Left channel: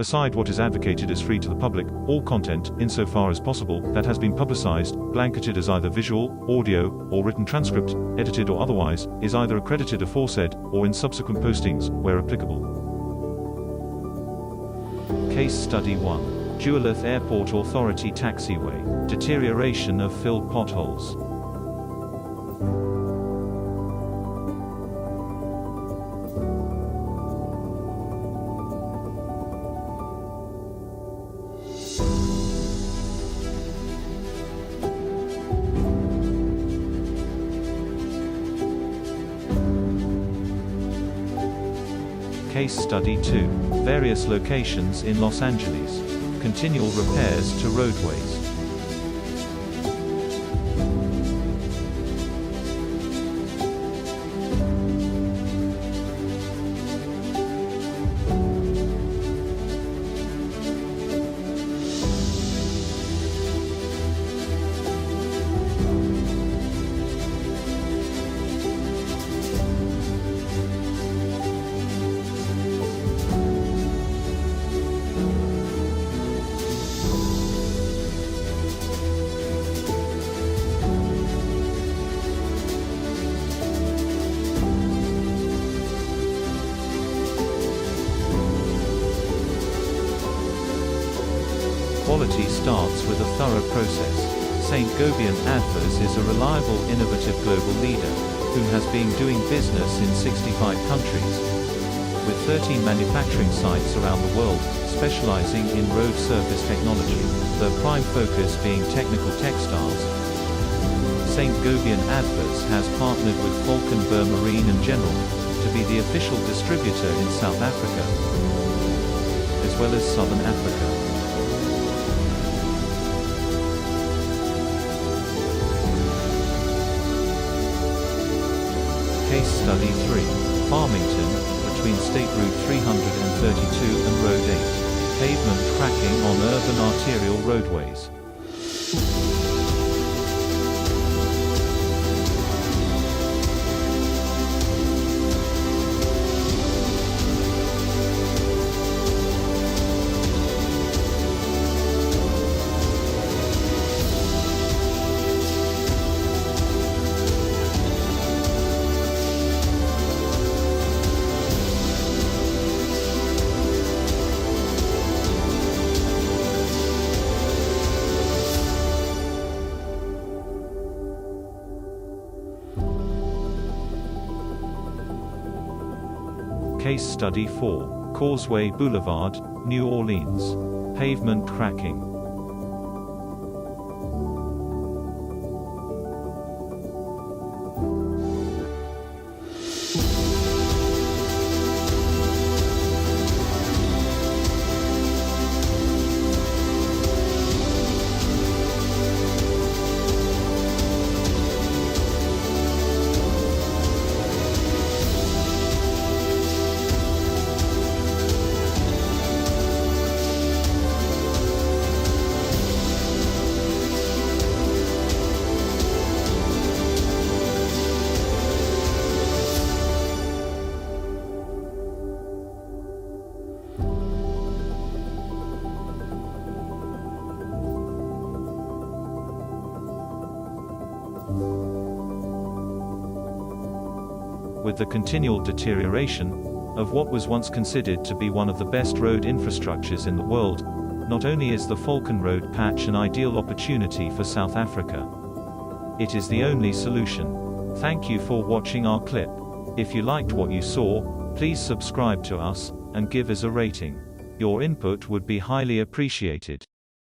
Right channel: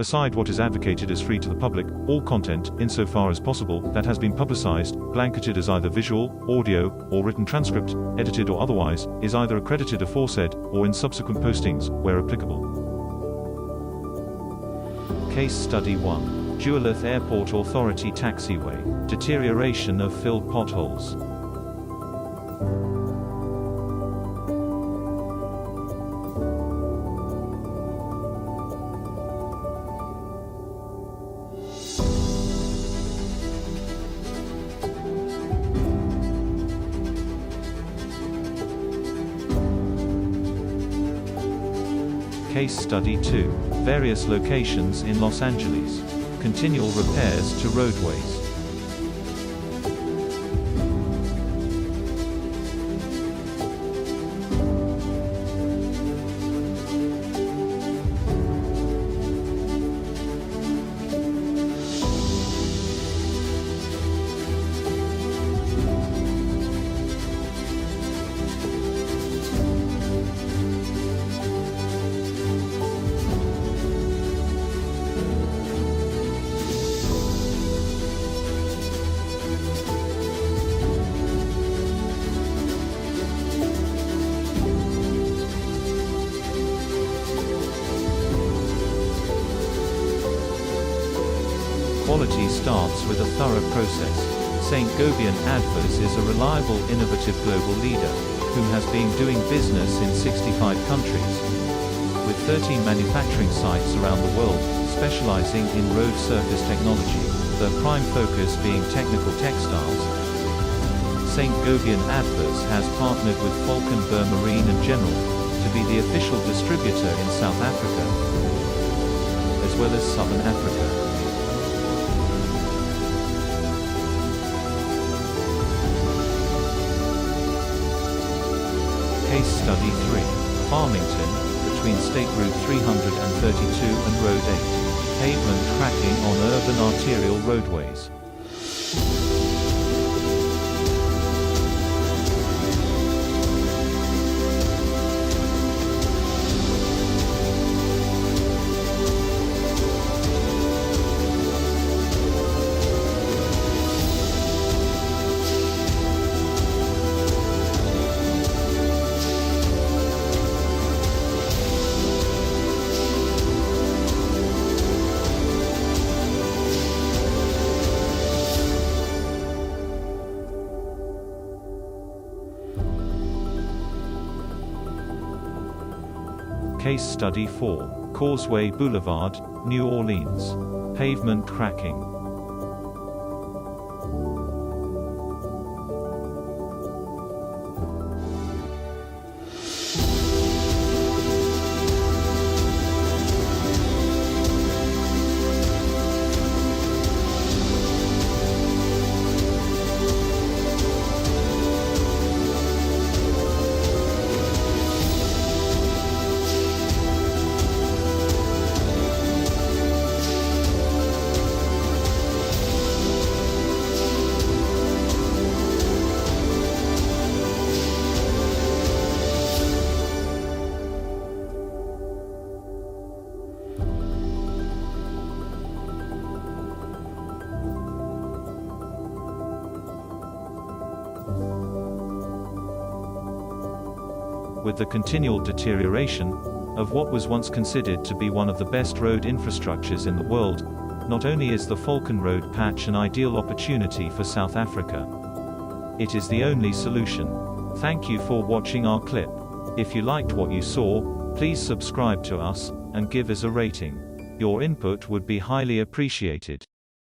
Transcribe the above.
Aside what is advocated as free to the public, all content, insofar as possible, that has been publicized, blanketed as either visual, audio, or written transcript, edited or otherwise, is either accredited aforesaid, or in subsequent postings, where applicable. Case Study 1. Dualith Airport Authority Taxiway. Deterioration of filled potholes. Case Study 2. Various locations in Los Angeles. Continual repairs to roadways. Quality starts with a thorough process. St. Gobain Adfors is a reliable, innovative global leader, whom has been doing business in 65 countries. With 13 manufacturing sites around the world, specializing in road surface technology, their prime focus being technical textiles, St. Gobain Adfors has partnered with Falcon Marine and General to be the official distributor in South Africa, as well as Southern Africa. Case Study 3. Farmington, between State Route 332 and Road 8. Pavement cracking on urban arterial roadways. Case Study 4. Causeway Boulevard, New Orleans. Pavement cracking. With the continual deterioration of what was once considered to be one of the best road infrastructures in the world, not only is the Falcon Road patch an ideal opportunity for South Africa, it is the only solution. Thank you for watching our clip. If you liked what you saw, please subscribe to us and give us a rating. Your input would be highly appreciated.